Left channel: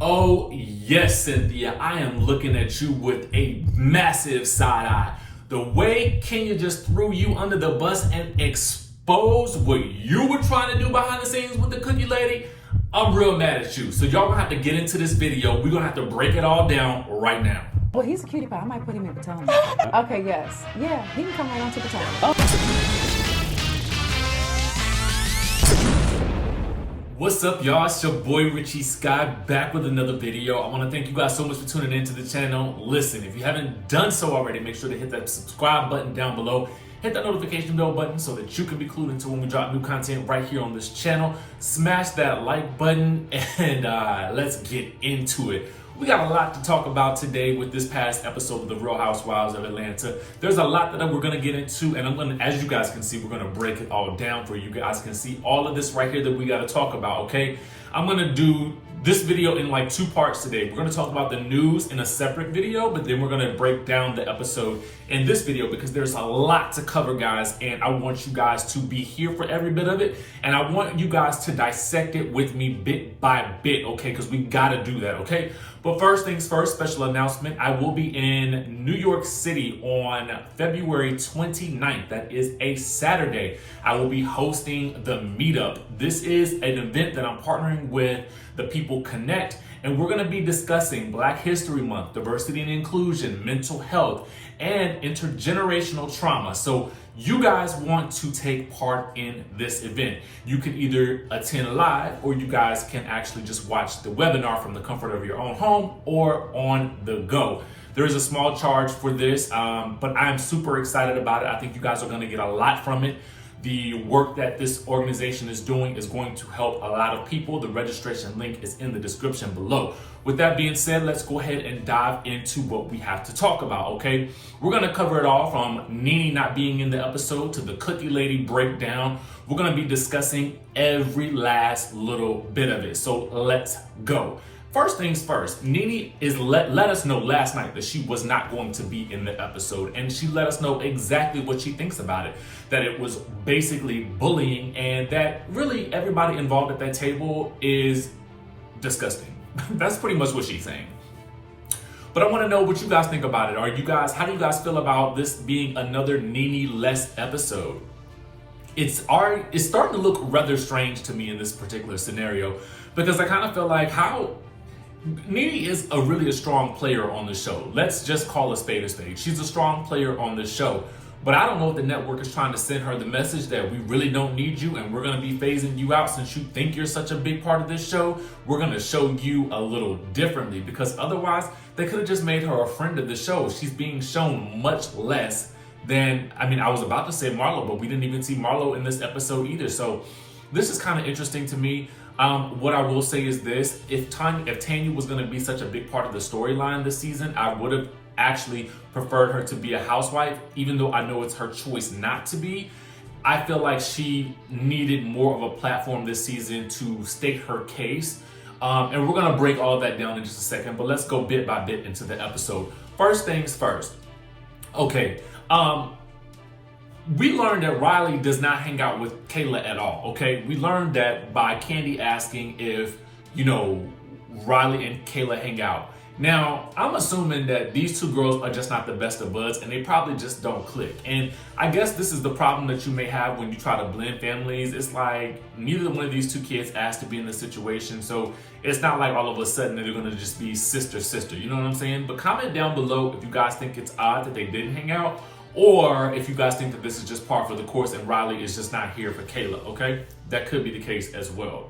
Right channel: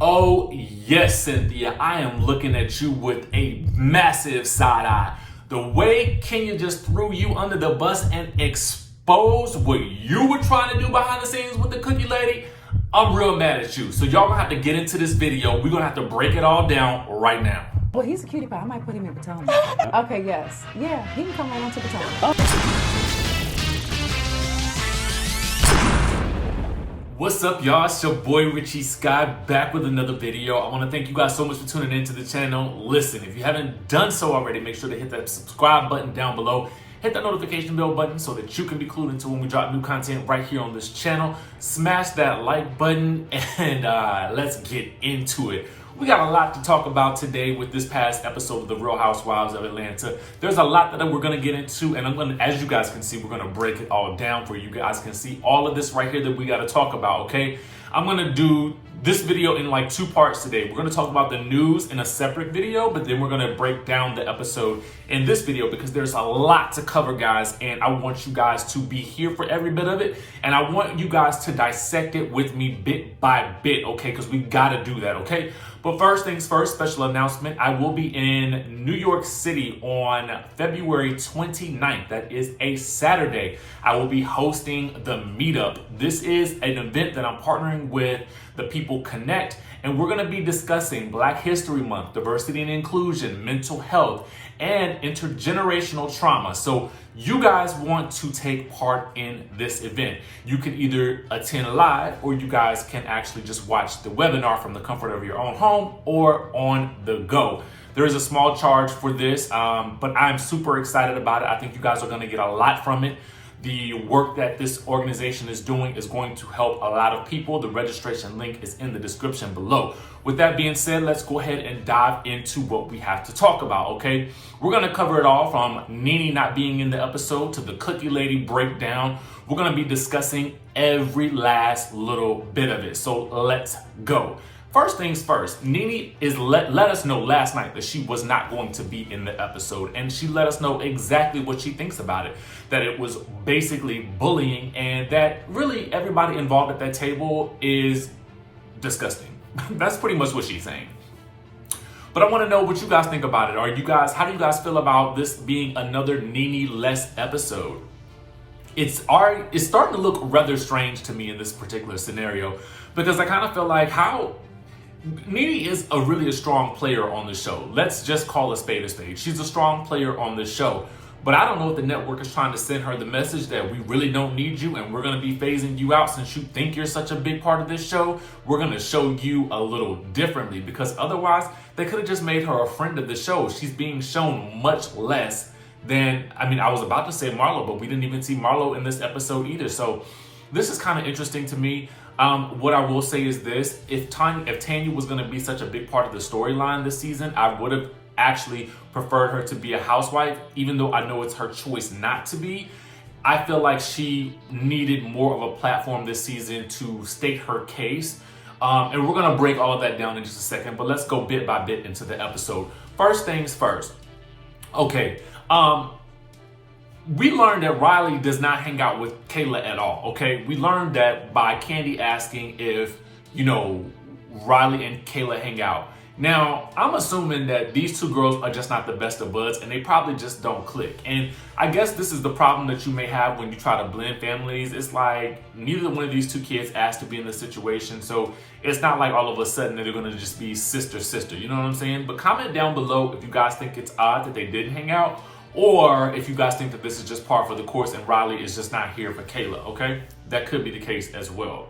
Oh yes, Cynthia, I am looking at you with a massive side eye. The way Kenya just threw you under the bus and exposed what you were trying to do behind the scenes with the cookie lady, I'm real mad at you. So y'all gonna have to get into this video. We're gonna have to break it all down right now. Well, he's a cutie pie. I might put him in Potomac. Okay, yes. Yeah, he can come right on to Potomac. What's up, y'all? It's your boy Richie Sky back with another video. I want to thank you guys so much for tuning into the channel. Listen, if you haven't done so already, make sure to hit that subscribe button down below. Hit that notification bell button so that you can be clued into when we drop new content right here on this channel. Smash that like button and let's get into it. We got a lot to talk about today with this past episode of The Real Housewives of Atlanta. There's a lot that we're going to get into, and as you guys can see, we're going to break it all down for you. You guys can see all of this right here that we got to talk about, okay? I'm going to do this video in like two parts today. We're going to talk about the news in a separate video, but then we're going to break down the episode in this video because there's a lot to cover, guys, and I want you guys to be here for every bit of it, and I want you guys to dissect it with me bit by bit, okay? Because we got to do that, okay? But first things first, special announcement. I will be in New York City on February 29th. That is a Saturday. I will be hosting the meetup. This is an event that I'm partnering with the People Connect, and we're going to be discussing Black History Month, diversity and inclusion, mental health, and intergenerational trauma. So you guys want to take part in this event. You can either attend live or you guys can actually just watch the webinar from the comfort of your own home or on the go. There is a small charge for this, but I'm super excited about it. I think you guys are going to get a lot from it. The work that this organization is doing is going to help a lot of people. The registration link is in the description below. With that being said, let's go ahead and dive into what we have to talk about, okay? We're going to cover it all from Nene not being in the episode to the cookie lady breakdown. We're going to be discussing every last little bit of it. So let's go. First things first, Nene let us know last night that she was not going to be in the episode, and she let us know exactly what she thinks about it, that it was basically bullying, and that really everybody involved at that table is disgusting. That's pretty much what she's saying. But I want to know what you guys think about it. How do you guys feel about this being another Nene-less episode? It's starting to look rather strange to me in this particular scenario, because I kind of feel like Nene is really a strong player on the show. Let's just call a spade a spade. She's a strong player on the show. But I don't know if the network is trying to send her the message that we really don't need you and we're going to be phasing you out since you think you're such a big part of this show. We're going to show you a little differently, because otherwise they could have just made her a friend of the show. She's being shown much less than, I was about to say Marlo, but we didn't even see Marlo in this episode either. So this is kind of interesting to me. What I will say is this: if Tanya was going to be such a big part of the storyline this season, I would have actually preferred her to be a housewife, even though I know it's her choice not to be. I feel like she needed more of a platform this season to state her case. And we're going to break all of that down in just a second, but let's go bit by bit into the episode. First things first. Okay. We learned that Riley does not hang out with Kayla at all, okay? We learned that by Kandi asking if, Riley and Kayla hang out. Now, I'm assuming that these two girls are just not the best of buds and they probably just don't click. And I guess this is the problem that you may have when you try to blend families. It's like neither one of these two kids asked to be in the situation. So it's not like all of a sudden they're going to just be sister, you know what I'm saying? But comment down below if you guys think it's odd that they didn't hang out, or if you guys think that this is just par for the course and Riley is just not here for Kayla, okay? That could be the case as well.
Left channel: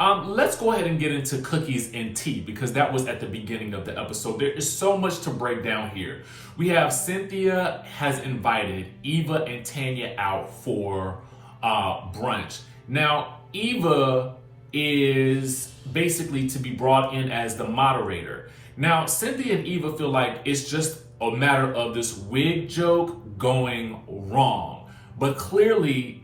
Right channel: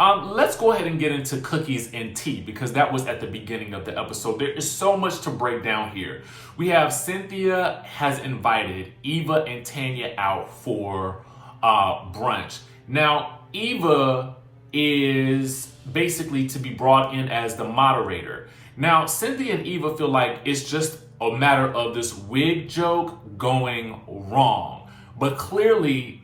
Let's go ahead and get into cookies and tea, because that was at the beginning of the episode. There is so much to break down here. We have Cynthia has invited Eva and Tanya out for brunch. Now, Eva is basically to be brought in as the moderator. Now, Cynthia and Eva feel like it's just a matter of this wig joke going wrong. But clearly,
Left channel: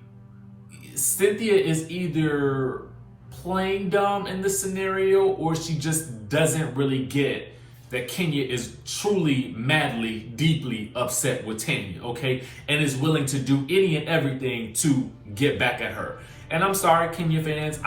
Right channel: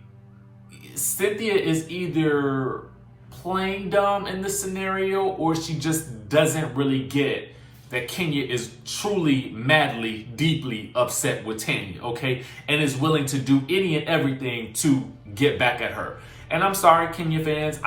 Cynthia is either playing dumb in this scenario, or she just doesn't really get that Kenya is truly, madly, deeply upset with Tanya, okay? And is willing to do any and everything to get back at her. And I'm sorry, Kenya fans,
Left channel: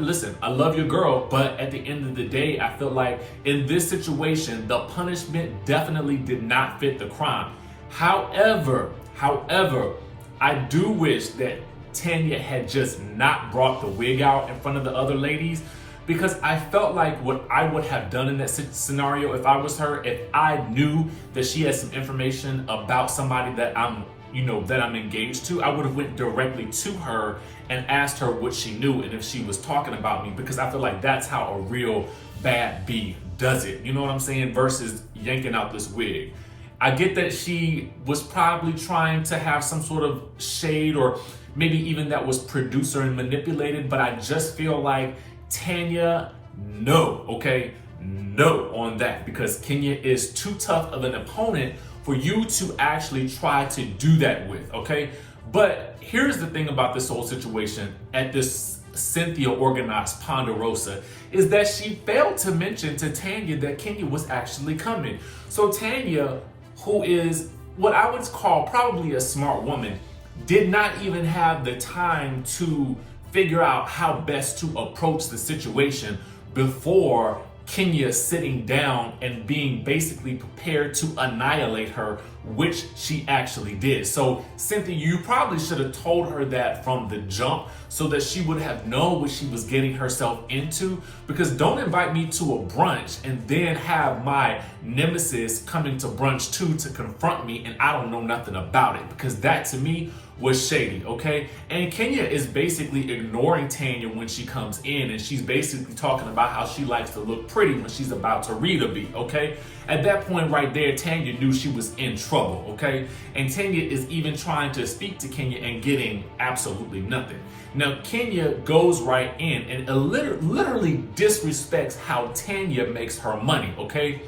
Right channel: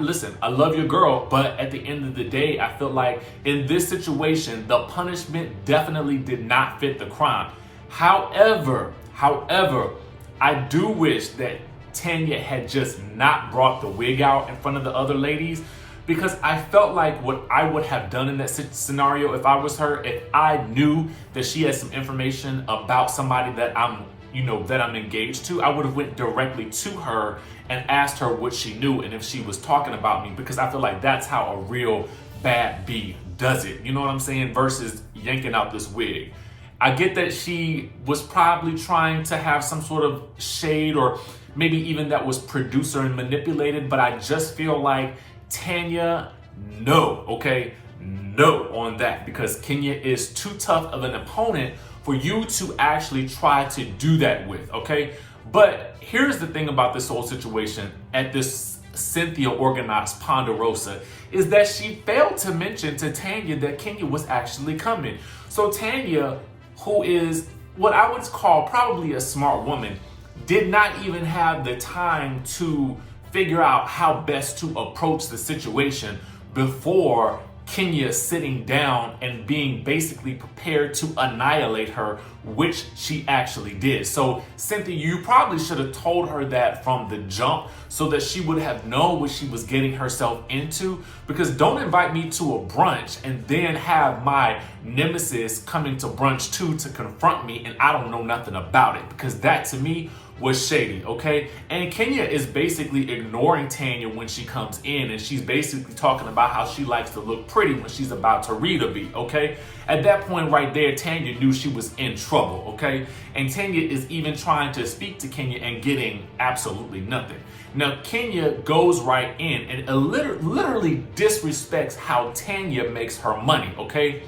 listen, I love your girl, but at the end of the day, I feel like in this situation, the punishment definitely did not fit the crime. However, I do wish that Tanya had just not brought the wig out in front of the other ladies, because I felt like what I would have done in that scenario if I was her, if I knew that she had some information about somebody that I'm engaged to, I would have went directly to her and asked her what she knew and if she was talking about me, because I feel like that's how a real bad bee does it. You know what I'm saying? Versus yanking out this wig. I get that she was probably trying to have some sort of shade, or maybe even that was producer and manipulated, but I just feel like Tanya, no on that, because Kenya is too tough of an opponent for you to actually try to do that with, okay? But here's the thing about this whole situation at this Cynthia organized Ponderosa, is that she failed to mention to Tanya that Kenya was actually coming. So Tanya, who is what I would call probably a smart woman, did not even have the time to figure out how best to approach the situation before Kenya sitting down and being basically prepared to annihilate her, which she actually did. So Cynthia, you probably should have told her that from the jump so that she would have known what she was getting herself into, because don't invite me to a brunch and then have my nemesis coming to brunch too to confront me and I don't know nothing about it, because that to me was shady, okay? And Kenya is basically ignoring Tanya when she comes in, and she's basically talking about how she likes to look pretty when she's about to read a beat, okay? At that point right there, Tanya knew she was in trouble, okay? And Tanya is even trying to speak to Kenya and getting absolutely nothing. Now, Kenya goes right in and literally disrespects how Tanya makes her money, okay?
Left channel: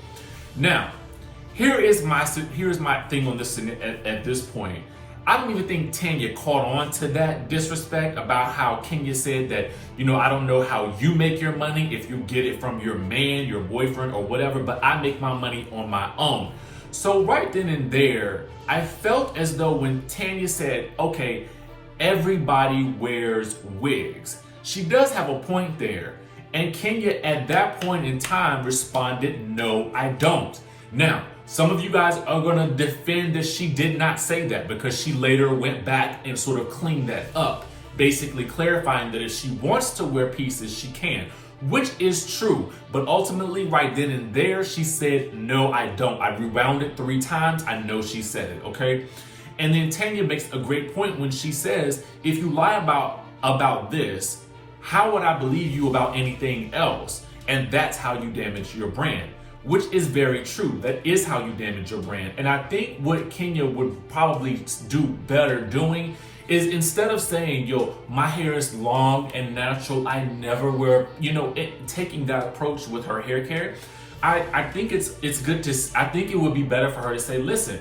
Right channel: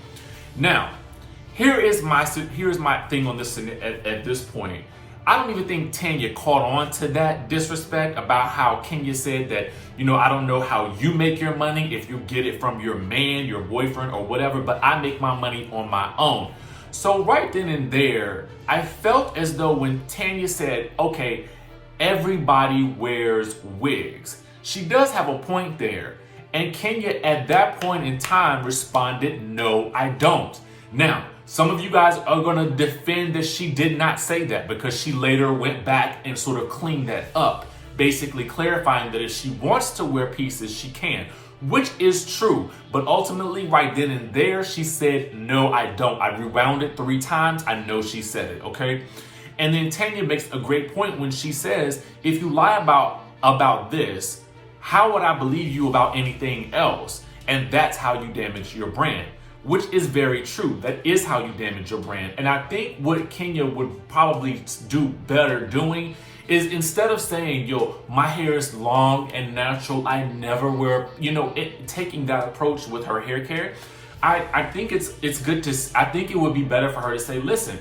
Now, here's my thing on this at this point. I don't even think Tanya caught on to that disrespect about how Kenya said that, I don't know how you make your money, if you get it from your man, your boyfriend, or whatever, but I make my money on my own. So right then and there, I felt as though when Tanya said, okay, everybody wears wigs, she does have a point there. And Kenya at that point in time responded, no, I don't. Now, some of you guys are going to defend that she did not say that, because she later went back and sort of cleaned that up, basically clarifying that if she wants to wear pieces, she can, which is true. But ultimately, right then and there, she said, no, I don't. I rewound it 3 times. I know she said it, okay? And then Tanya makes a great point when she says, if you lie about this, how would I believe you about anything else? And that's how you damage your brand. Which is very true. That is how you damage your brand. And I think what Kenya would probably do better doing is, instead of saying, yo, my hair is long and natural, I never wear, taking that approach with her hair care, I think it's good to, I think it would be better for her to say, listen,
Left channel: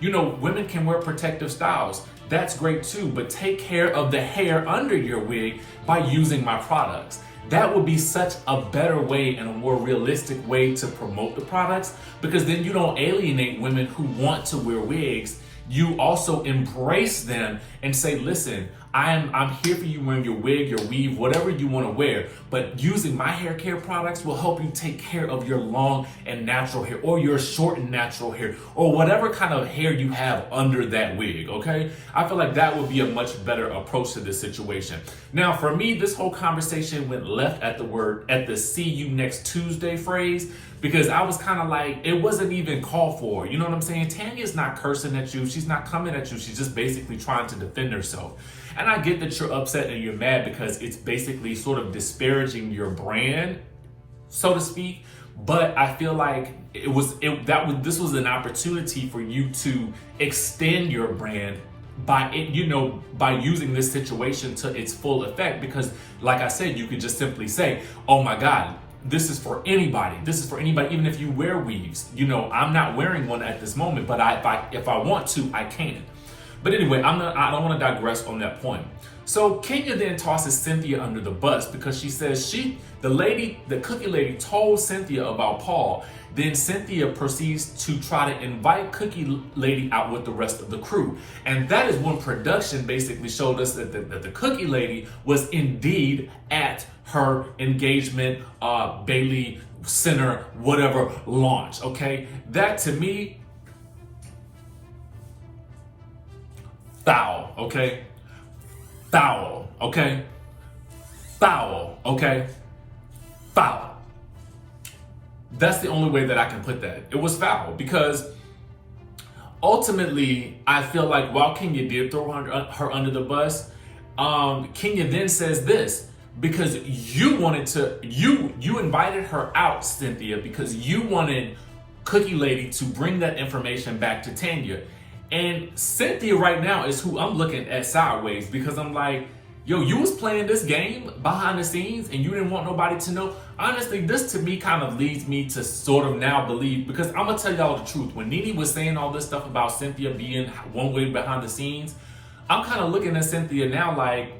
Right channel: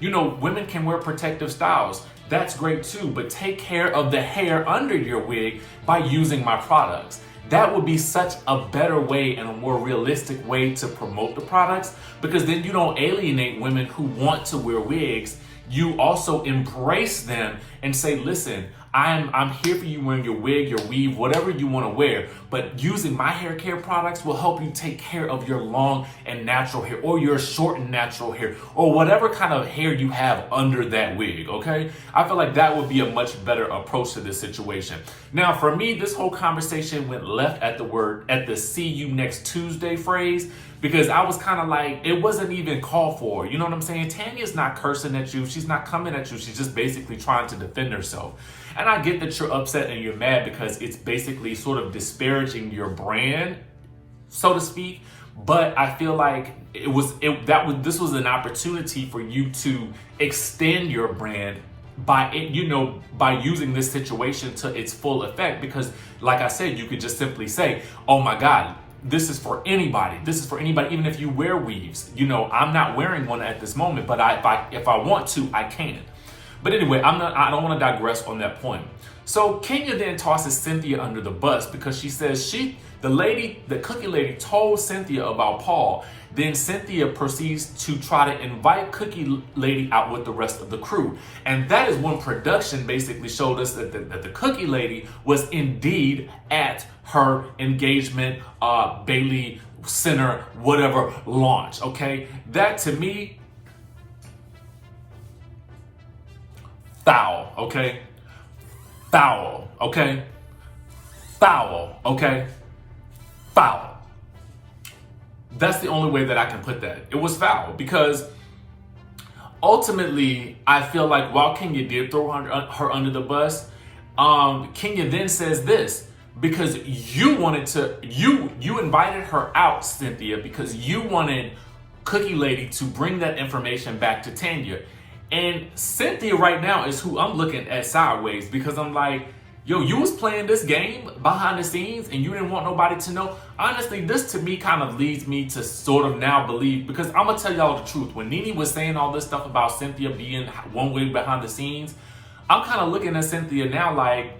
women can wear protective styles. That's great too, but take care of the hair under your wig by using my products. That would be such a better way and a more realistic way to promote the products, because then you don't alienate women who want to wear wigs. You also embrace them and say, listen, I'm here for you wearing your wig, your weave, whatever you want to wear, but using my hair care products will help you take care of your long and natural hair, or your short and natural hair, or whatever kind of hair you have under that wig, okay? I feel like that would be a much better approach to this situation. Now, for me, this whole conversation went left at the see you next Tuesday phrase, because I was kind of like, it wasn't even called for. You know what I'm saying? Tanya's not cursing at you. She's not coming at you. She's just basically trying to defend herself. And I get that you're upset and you're mad because it's basically sort of disparaging your brand, so to speak. But I feel like this was an opportunity for you to extend your brand by using this situation to its full effect. Because like I said, you could just simply say, oh my God, this is for anybody. This is for anybody, even if you wear weaves. I'm not wearing one at this moment, but if I want to, I can. But anyway, I don't want to digress on that point. So Kenya then tosses Cynthia under the bus because she says the cookie lady told Cynthia about Paul. Then Cynthia proceeds to try to invite Cookie Lady out with the rest of the crew. And that is when production basically showed us that the Cookie Lady was indeed at her engagement, Bailey Center, whatever, launch, okay? That to me, foul, okay? Foul, okay? Foul, okay? Foul. That's the only way that I can put that. It was foul because ultimately, I feel like while Kenya did throw her under the bus, Kenya then says this, because you invited her out, Cynthia, because you wanted Cookie Lady to bring that information back to Tanya. And Cynthia right now is who I'm looking at sideways, because I'm like, yo, you was playing this game behind the scenes and you didn't want nobody to know. Honestly, this to me kind of leads me to sort of now believe, because I'm gonna tell y'all the truth. When Nene was saying all this stuff about Cynthia being one way behind the scenes, I'm kind of looking at Cynthia now like,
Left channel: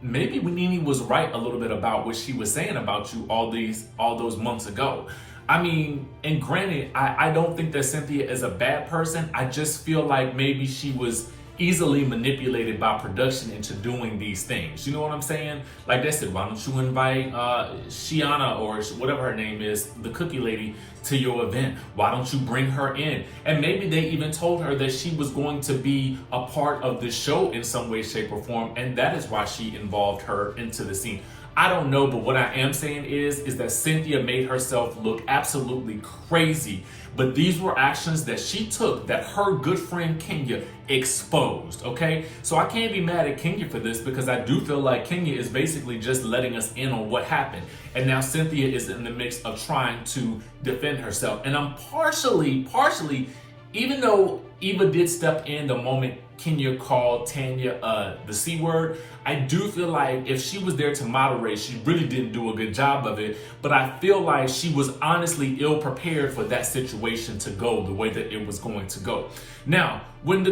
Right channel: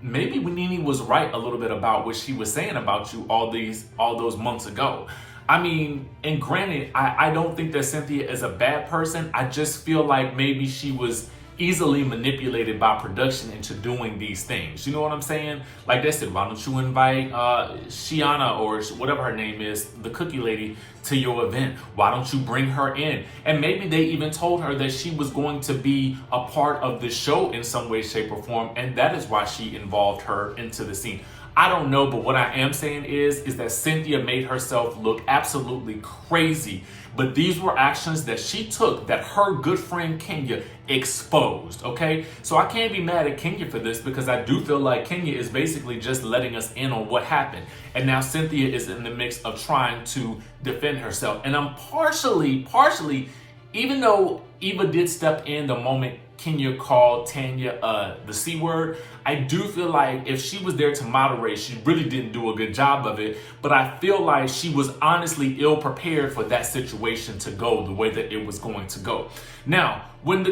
maybe Nene was right a little bit about what she was saying about you all those months ago. I mean, and granted, I don't think that Cynthia is a bad person. I just feel like maybe she was easily manipulated by production into doing these things. You know what I'm saying? Like they said, why don't you invite Shiana or whatever her name is, the Cookie Lady, to your event? Why don't you bring her in? And maybe they even told her that she was going to be a part of the show in some way, shape, or form, and that is why she involved her into the scene. I don't know, but what I am saying is that Cynthia made herself look absolutely crazy. But these were actions that she took that her good friend Kenya exposed, okay? So I can't be mad at Kenya for this, because I do feel like Kenya is basically just letting us in on what happened. And now Cynthia is in the mix of trying to defend herself. And I'm partially, even though Eva did step in the moment Kenya called Tanya the C word, I do feel like if she was there to moderate, she really didn't do a good job of it. But I feel like she was honestly ill prepared for that situation to go the way that it was going to go. Now, and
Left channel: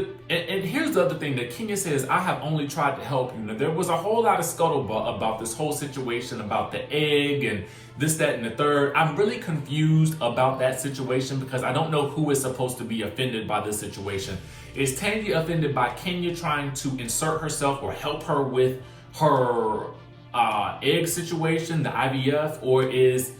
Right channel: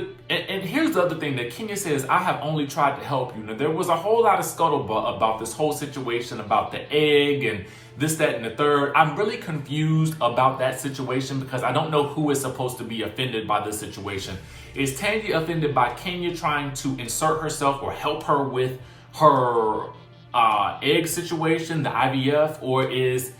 here's the other thing that Kenya says, I have only tried to help you. Now, there was a whole lot of scuttlebutt about this whole situation, about the egg and this, that, and the third. I'm really confused about that situation because I don't know who is supposed to be offended by this situation. Is Tanya offended by Kenya trying to insert herself or help her with her egg situation, the IVF, or is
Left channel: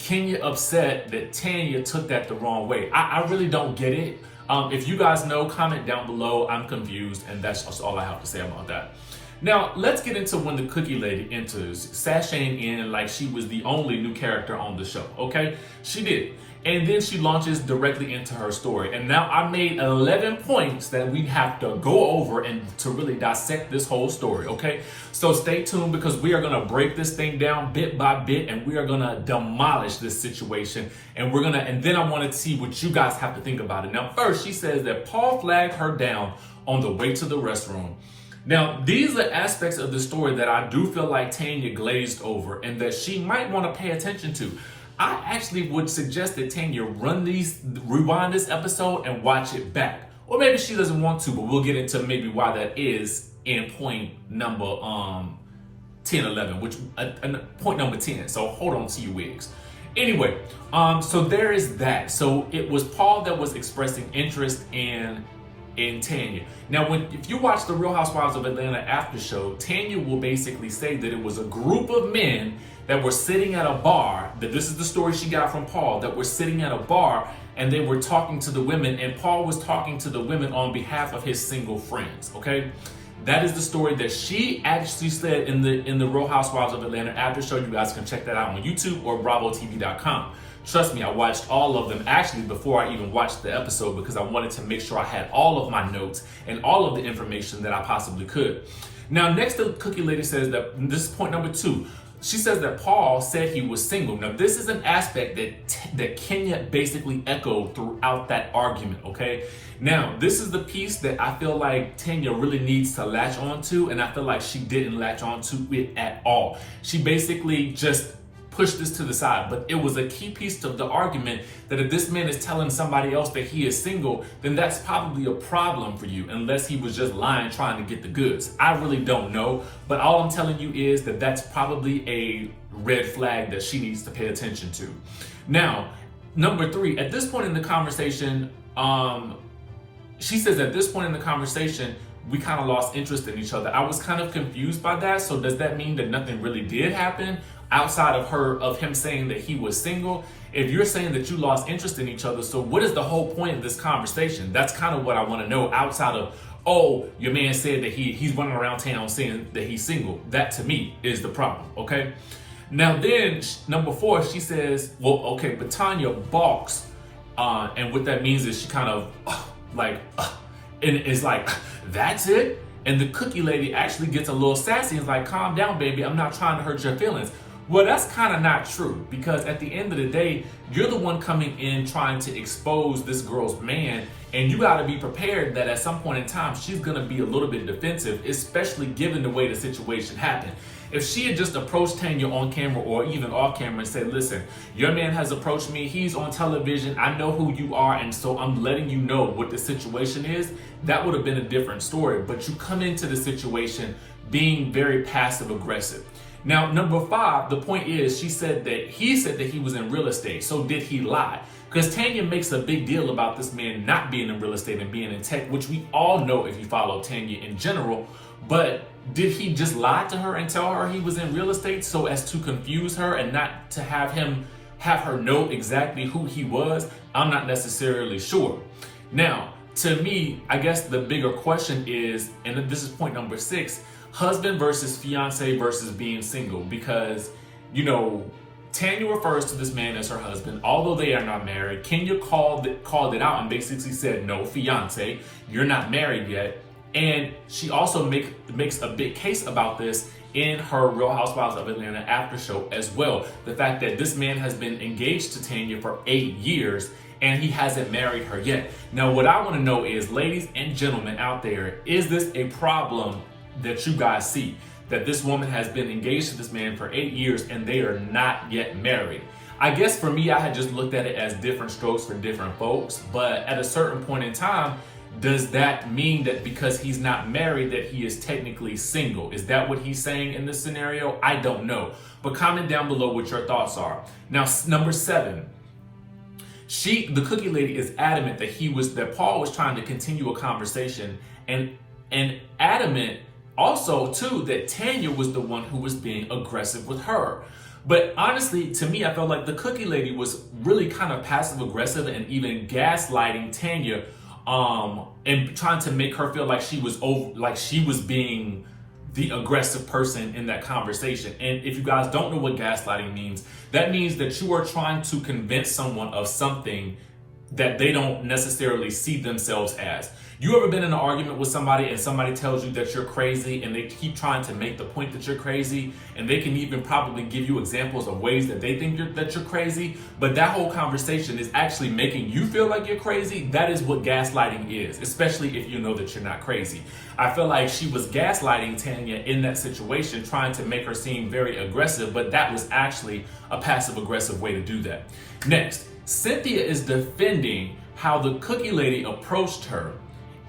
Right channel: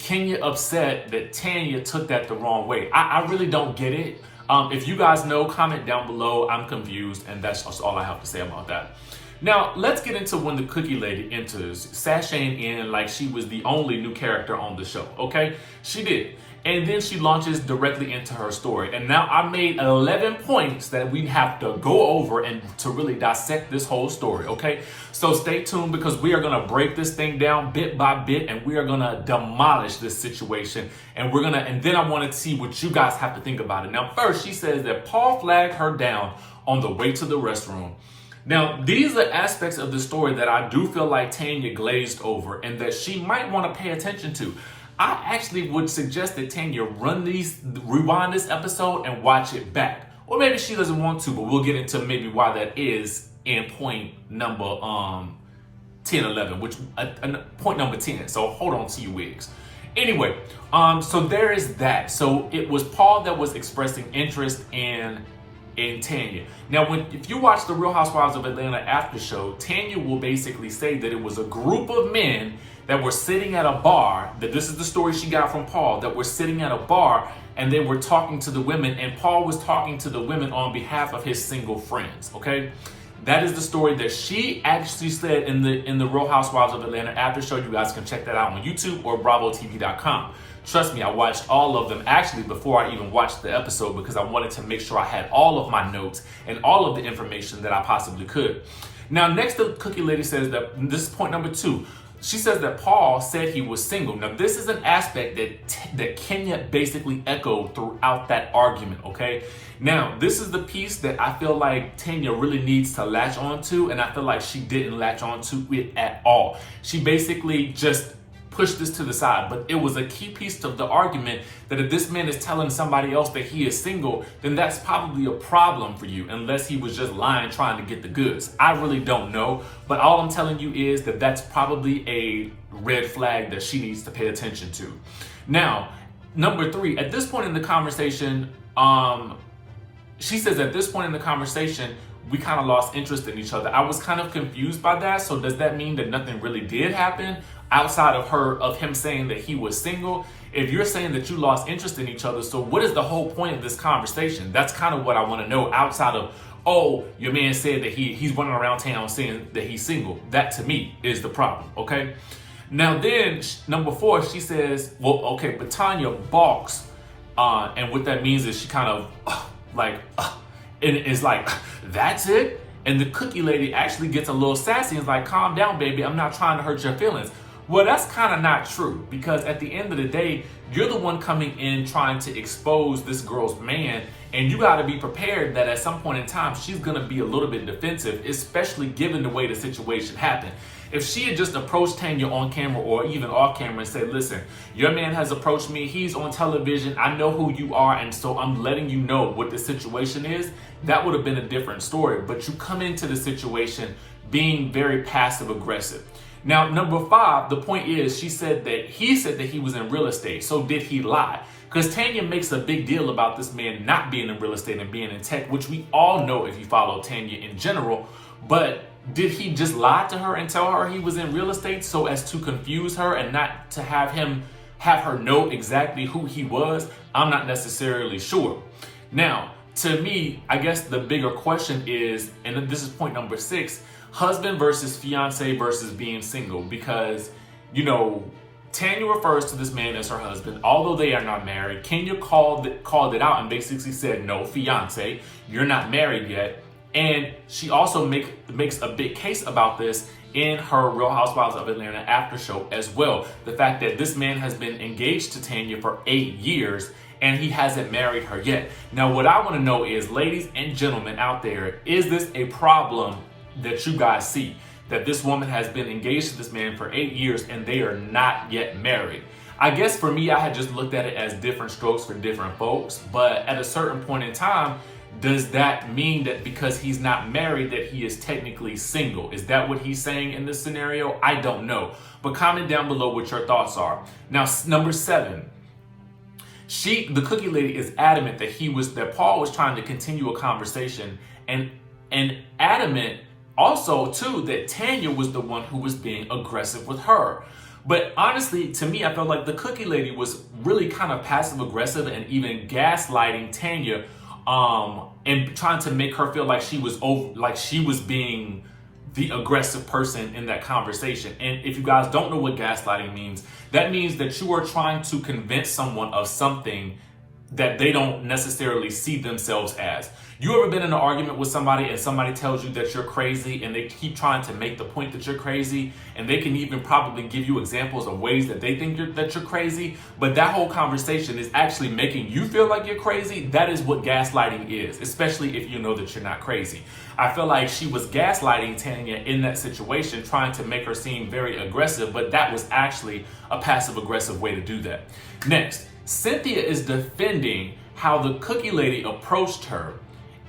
Kenya upset that Tanya took that the wrong way? I really don't get it. If you guys know, comment down below. I'm confused, and that's all I have to say about that. Now, let's get into when the Cookie Lady enters, sashaying in like she was the only new character on the show, okay? She did. And then she launches directly into her story. And now I made 11 points that we have to go over and to really dissect this whole story, okay? So stay tuned, because we are gonna break this thing down bit by bit, and we are gonna demolish this situation. And then I wanna see what you guys have to think about it. Now, first, she says that Paul flagged her down on the way to the restroom. Now, these are aspects of the story that I do feel like Tanya glazed over and that she might want to pay attention to. I actually would suggest that Tanya rewind this episode and watch it back. Or maybe she doesn't want to, but we'll get into maybe why that is in point number 10, 11, which point number 10. So hold on to your wigs. Anyway, so there is that. So it was Paul that was expressing interest in Tanya. Now, if you watch the Real Housewives of Atlanta after show, Tanya will basically say that it was a group of men that were sitting at a bar, that this is the story she got from Paul, that were sitting at a bar and they were talking to the women, and Paul was talking to the women on behalf of his single friends, okay? That is the story that she actually said in the Real Housewives of Atlanta after show. You guys can check that out on YouTube or BravoTV.com. Trust me, I watched all of them actually before I even watched the episode, because I wanted to make sure I had all of my notes and all of the information that I possibly could. Now, next, the Cookie Lady says that, this is point number 2. She says that Paul said he was single. Now, this is an aspect that Kenya basically echoed throughout that argument, okay? Now, this is the piece that I feel like Tanya really needs to latch onto, and I feel like she didn't latch onto it at all. She basically just push this to the side. But it was a key piece of the argument that if this man is telling somebody else that he is single, then that's probably a problem for you, unless he was just lying, trying to get the goods. I really don't know, but all I'm telling you is that that's probably a red flag that she needs to pay attention to. Now, number 3, at this point in the conversation, she says at this point in the conversation, we kind of lost interest in each other. I was kind of confused by that. So does that mean that nothing really did happen outside of him saying that he was single? If you're saying that you lost interest in each other, so what is the whole point of this conversation? That's kind of what I want to know, outside of, oh, your man said that he's running around town saying that he's single. That to me is the problem, okay? Now then, number 4, she says, well, okay, but Tanya balks. And what that means is she kind of and it's like, that's it? And the cookie lady actually gets a little sassy and is like, calm down, baby. I'm not trying to hurt your feelings. Well, that's kind of not true, because at the end of the day, you're the one coming in trying to expose this girl's man, and you got to be prepared that at some point in time, she's going to be a little bit defensive, especially given the way the situation happened. If she had just approached Tanya on camera or even off camera and said, listen, your man has approached me, he's on television, I know who you are, and so I'm letting you know what the situation is, that would have been a different story. But you come into the situation being very passive aggressive. Now, number 5, the point is, he said that he was in real estate. So did he lie? Because Tanya makes a big deal about this man not being in real estate and being in tech, which we all know if you follow Tanya in general. But did he just lie to her and tell her he was in real estate so as to confuse her and not to have her know exactly who he was? I'm not necessarily sure. Now, to me, I guess the bigger question is, and this is point number 6, husband versus fiance versus being single. Because, Tanya refers to this man as her husband, although they are not married. Kenya called it out and basically said, no, fiance, you're not married yet. And she also makes a big case about this in her Real Housewives of Atlanta after show as well. The fact that this man has been engaged to Tanya for 8 years and he hasn't married her yet. Now, what I want to know is, ladies and gentlemen out there, is this a problem that you guys see? That this woman has been engaged to this man for 8 years and they are not yet married? I guess for me, I had just looked at it as different strokes for different folks. But at a certain point in time, does that mean that because he's not married that he is technically single? Is that what he's saying in this scenario? I don't know. But comment down below what your thoughts are. Now, number 7. The cookie lady is adamant that Paul was trying to continue a conversation, and adamant also too that Tanya was the one who was being aggressive with her. But honestly, to me, I felt like the cookie lady was really kind of passive aggressive and even gaslighting Tanya, and trying to make her feel like she was being the aggressive person in that conversation. And if you guys don't know what gaslighting means, that means that you are trying to convince someone of something that they don't necessarily see themselves as. You ever been in an argument with somebody and somebody tells you that you're crazy and they keep trying to make the point that you're crazy, and they can even probably give you examples of ways that they think that you're crazy, but that whole conversation is actually making you feel like you're crazy? That is what gaslighting is, especially if you know that you're not crazy. I feel like she was gaslighting Tanya in that situation, trying to make her seem very aggressive, but that was actually a passive aggressive way to do that. Next, Cynthia is defending how the cookie lady approached her.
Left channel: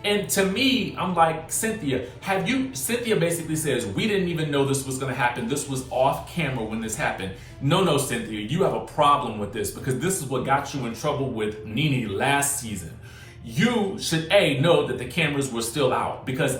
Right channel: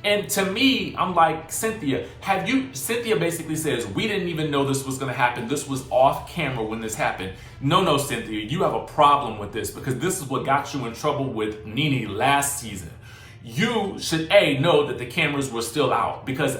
And to me, I'm like, Cynthia basically says, we didn't even know this was going to happen. This was off camera when this happened. No, Cynthia, you have a problem with this, because this is what got you in trouble with Nene last season. You should know that the cameras were still out, because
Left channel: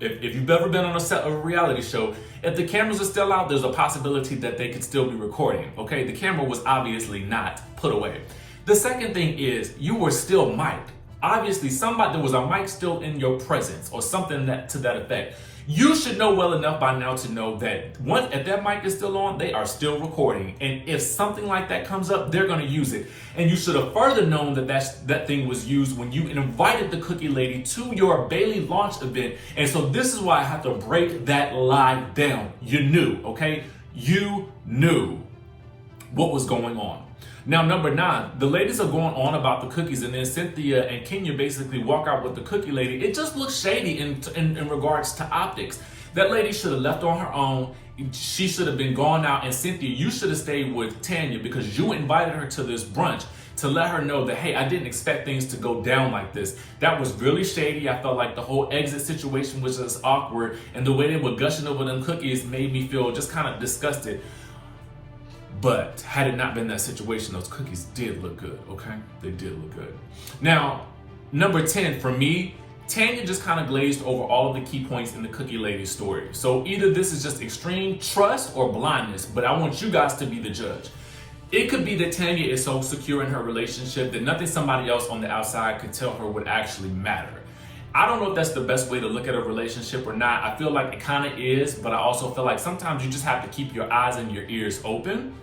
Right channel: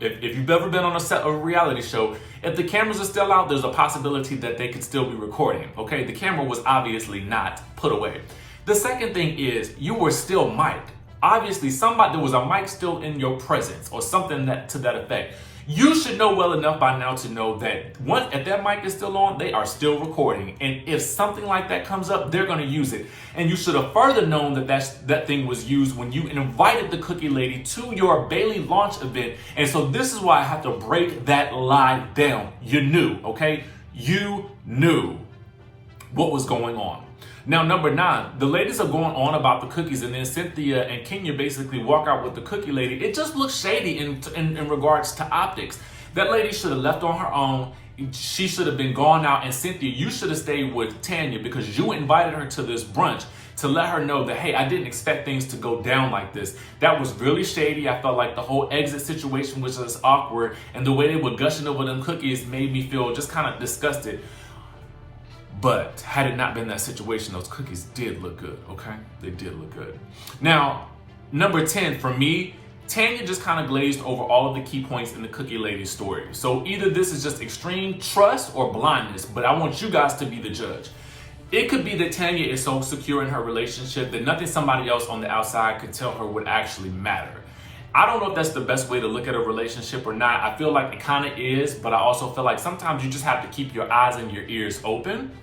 if you've ever been on a set of a reality show, if the cameras are still out, there's a possibility that they could still be recording. Okay, the camera was obviously not put away. The second thing is, you were still mic'd. Obviously, there was a mic still in your presence or something to that effect. You should know well enough by now to know that if that mic is still on, they are still recording. And if something like that comes up, they're going to use it. And you should have further known that thing was used when you invited the cookie lady to your Bailey launch event. And so this is why I have to break that lie down. You knew, okay? You knew what was going on. Now, number 9, the ladies are going on about the cookies, and then Cynthia and Kenya basically walk out with the cookie lady. It just looks shady in regards to optics. That lady should have left on her own, she should have been gone out. And Cynthia, you should have stayed with Tanya because you invited her to this brunch to let her know that, hey, I didn't expect things to go down like this. That was really shady. I felt like the whole exit situation was just awkward. And the way they were gushing over them cookies made me feel just kind of disgusted. But had it not been that situation, those cookies did look good, okay? They did look good. Now, number 10, for me, Tanya just kind of glazed over all of the key points in the Cookie Lady story. So either this is just extreme trust or blindness, but I want you guys to be the judge. It could be that Tanya is so secure in her relationship that nothing somebody else on the outside could tell her would actually matter. I don't know if that's the best way to look at a relationship or not. I feel like it kind of is, but I also feel like sometimes you just have to keep your eyes and your ears open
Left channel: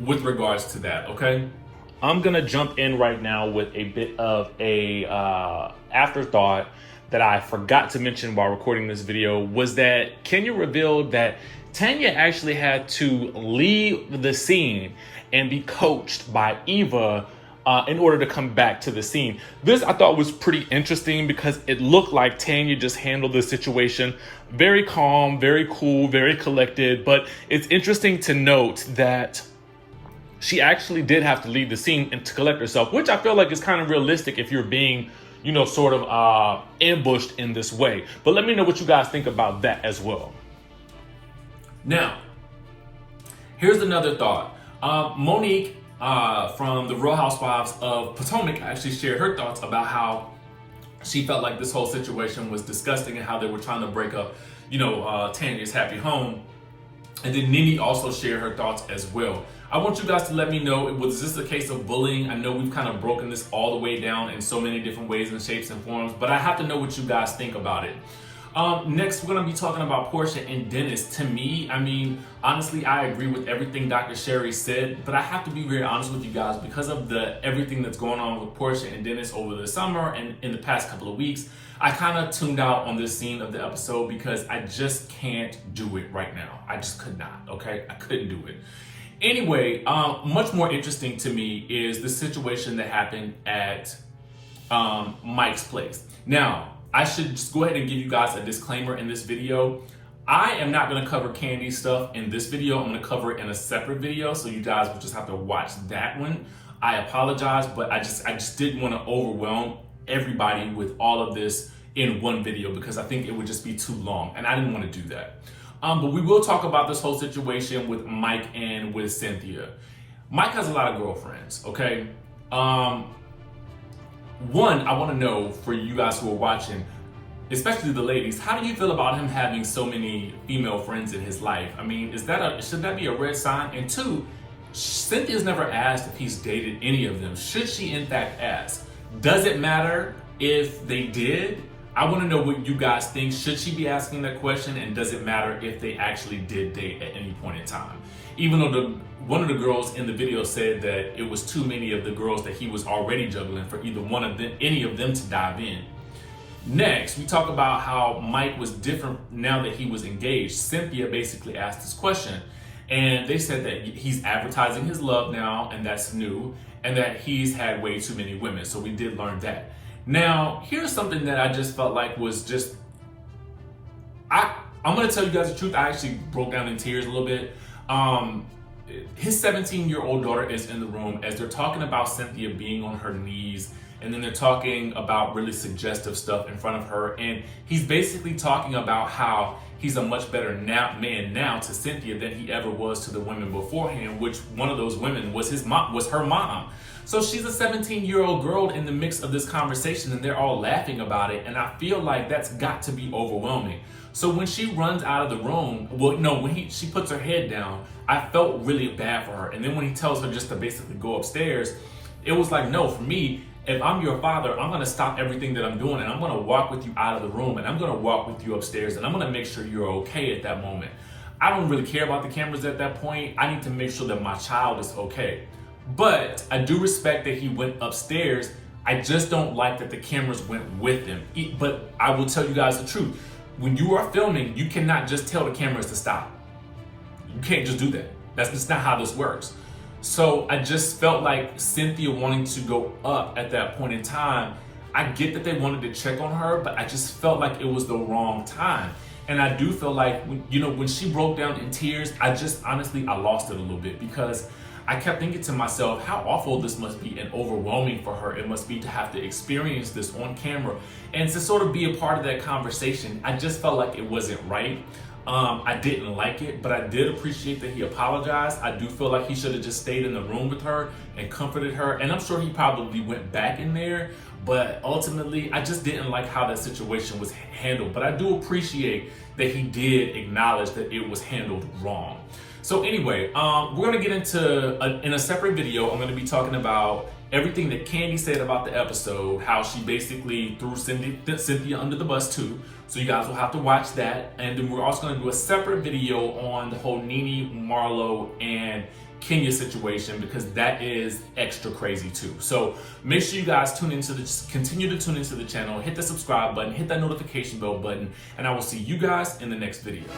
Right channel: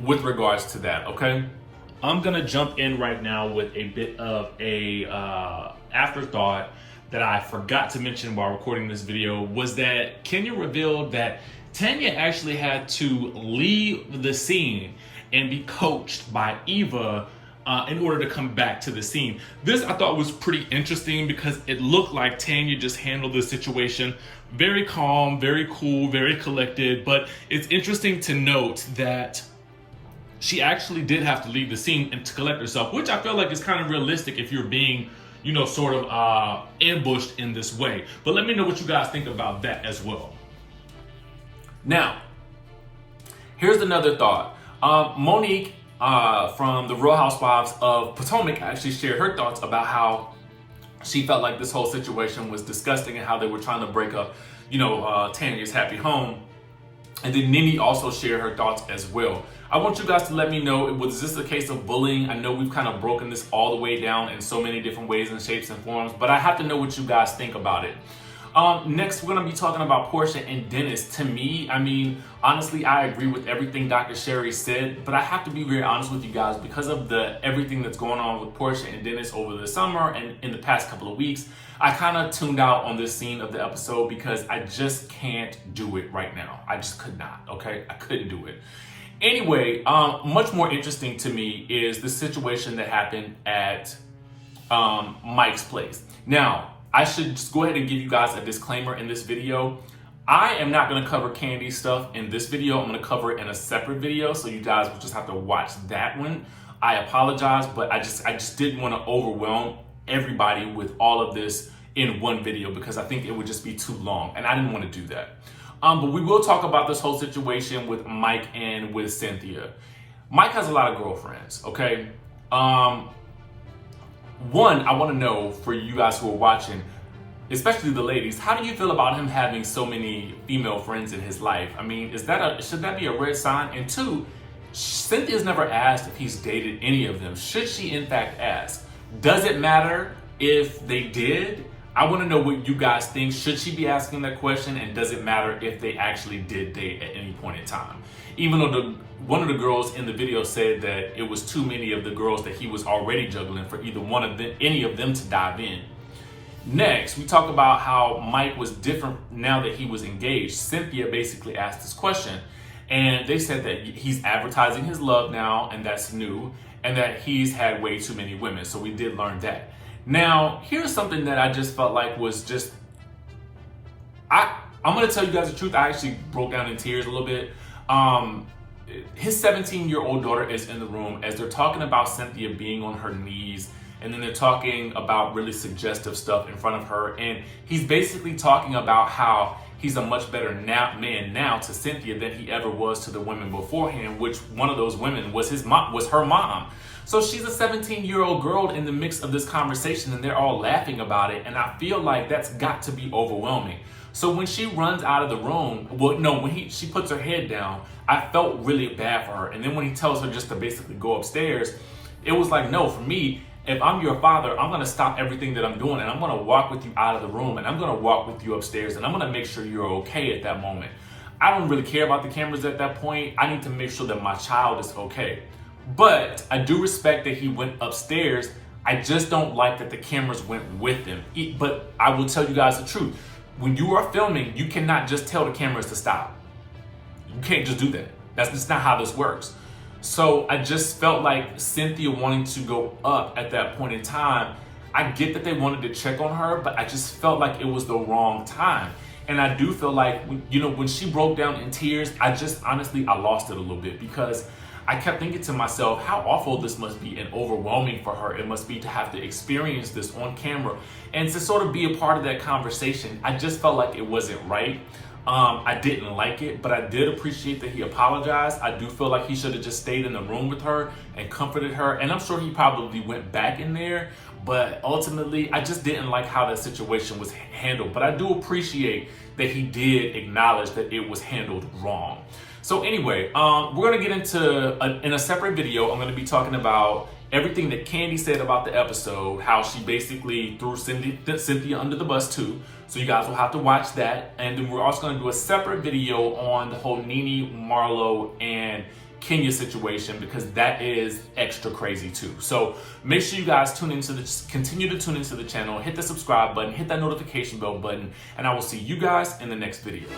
with regards to that, okay? I'm gonna jump in right now with a bit of a afterthought that I forgot to mention while recording this video, was that Kenya revealed that Tanya actually had to leave the scene and be coached by Eva in order to come back to the scene. This I thought was pretty interesting because it looked like Tanya just handled the situation very calm, very cool, very collected, but it's interesting to note that she actually did have to leave the scene and to collect herself, which I feel like is kind of realistic if you're being, you know, sort of ambushed in this way. But let me know what you guys think about that as well. Now, here's another thought. Monique from the Real Housewives of Potomac actually shared her thoughts about how she felt like this whole situation was disgusting and how they were trying to break up, you know, Tanya's happy home. And then Nene also shared her thoughts as well. I want you guys to let me know, was this a case of bullying? I know we've kind of broken this all the way down in so many different ways and shapes and forms, but I have to know what you guys think about it. Next, we're going to be talking about Porsha and Dennis. To me, I mean, honestly, I agree with everything Dr. Sherry said, but I have to be very honest with you guys because of everything that's going on with Porsha and Dennis over the summer and in the past couple of weeks. I kind of tuned out on this scene of the episode because I just can't do it right now. I just could not, okay? I couldn't do it. Anyway, much more interesting to me is the situation that happened at Mike's place. Now, I should just go ahead and give you guys a disclaimer in this video. I am not going to cover Kandi stuff in this video. I'm going to cover it in a separate video, so you guys will just have to watch that one. I apologize, but I just didn't want to overwhelm everybody with all of this in one video because I think it would just be too long, and I didn't want to do that. But we will talk about this whole situation with Mike and with Cynthia. Mike has a lot of girlfriends, okay? One, I want to know for you guys who are watching, especially the ladies, how do you feel about him having so many female friends in his life? I mean, should that be a red sign? And two, Cynthia's never asked if he's dated any of them. Should she in fact ask? Does it matter if they did? I want to know what you guys think. Should she be asking that question? And does it matter if they actually did date at any point in time? Even though one of the girls in the video said that it was too many of the girls that he was already juggling for either one of them, any of them to dive in. Next, we talk about how Mike was different now that he was engaged. Cynthia basically asked this question, and they said that he's advertising his love now, and that's new, and that he's had way too many women. So we did learn that. Now, here's something that I just felt like was just, I'm going to tell you guys the truth. I actually broke down in tears a little bit. His 17-year-old daughter is in the room as they're talking about Cynthia being on her knees, and then they're talking about really suggestive stuff in front of her, and he's basically talking about how he's a much better man now to Cynthia than he ever was to the women beforehand, which one of those women was her mom. So she's a 17-year-old girl in the mix of this conversation, and they're all laughing about it, and I feel like that's got to be overwhelming. So when she runs out of the room, she puts her head down, I felt really bad for her. And then when he tells her just to basically go upstairs, it was like, no, for me, if I'm your father, I'm going to stop everything that I'm doing, and I'm going to walk with you out of the room, and I'm going to walk with you upstairs, and I'm going to make sure you're okay at that moment. I don't really care about the cameras at that point. I need to make sure that my child is okay. But I do respect that he went upstairs. I just don't like that the cameras went with him. But I will tell you guys the truth. When you are filming, you cannot just tell the cameras to stop. You can't just do that. That's just not how this works. So I just felt like Cynthia wanting to go up at that point in time. I get that they wanted to check on her, but I just felt like it was the wrong time. And I do feel like, you know, when she broke down in tears, I lost it a little bit, because I kept thinking to myself how awful this must be and overwhelming for her. It must be to have to experience this on camera and to sort of be a part of that conversation. I just felt like it wasn't right. I didn't like it, but I did appreciate that he apologized. I do feel like he should have just stayed in the room with her and comforted her. And I'm sure he probably went back in there, but ultimately I just didn't like how that situation was handled. But I do appreciate that he did acknowledge that it was handled wrong. So anyway, we're gonna get into, in a separate video, I'm gonna be talking about everything that Kandi said about the episode, how she basically threw Cynthia under the bus too. So you guys will have to watch that. And then we're also gonna do a separate video on the whole Nene, Marlo, and Kenya situation, because that is extra crazy too. So make sure you guys continue to tune into the channel, hit the subscribe button, hit that notification bell button, and I will see you guys in the next video.